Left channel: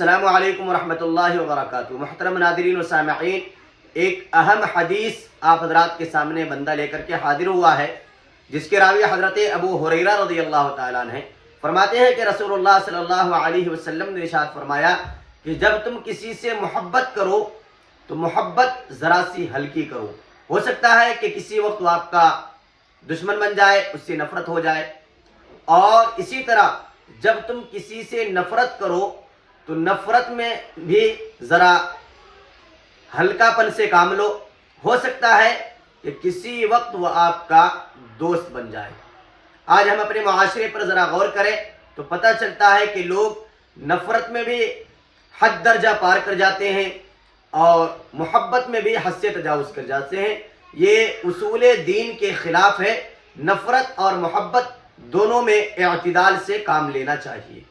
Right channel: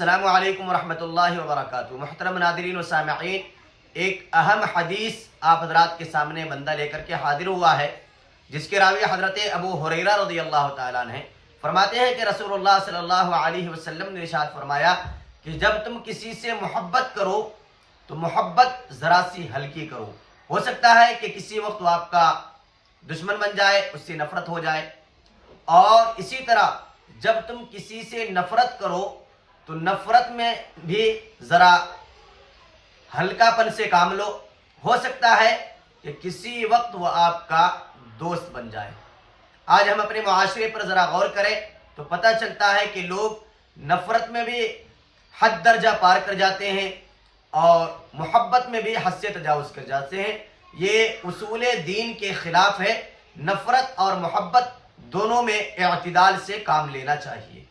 अस्सलामु अलैकुम वरहमतुल्लाहि वबरकातुहू। मुहतरम नाज़रीन व सामिईन, एक अहम हदीस आप हजरात के सामने बंदा लेकर के हाजिर हुआ है, जिसके रावी हजरत अबू हुरैरा रज़ियल्लाहु ताला अन्हु फरमाते हैं कि रसूलुल्लाह सल्लल्लाहु अलैहि वसल्लम ने इरशाद फरमाया कि जब तुम किसी से मोहब्बत करो तो मोहब्बत ज़रा सी हल्की करो। हो सकता है कि किसी वक्त वो आपका दुश्मन बन जाए, उससे नफरत हो जाए। और इसी तरह जब तुम किसी से नफरत करो तो नफरत में भी ज़रा हल्कापन से काम लो। हो सकता है कि किसी वक्त वह आपका दोस्त बन जाए। आज हम अपने मुआशरे पर ज़रा गौर करें तो पता चलता है कि लोग नफरत में भी हद दर्जा पार कर जाते हैं और मोहब्बत में भी हद से तजावुज़ कर जाते हैं। ये उसूल दीन के ख़िलाफ़ है। नफरत और मोहब्बत दोनों में इत्तिदाल से काम लेना चाहिए।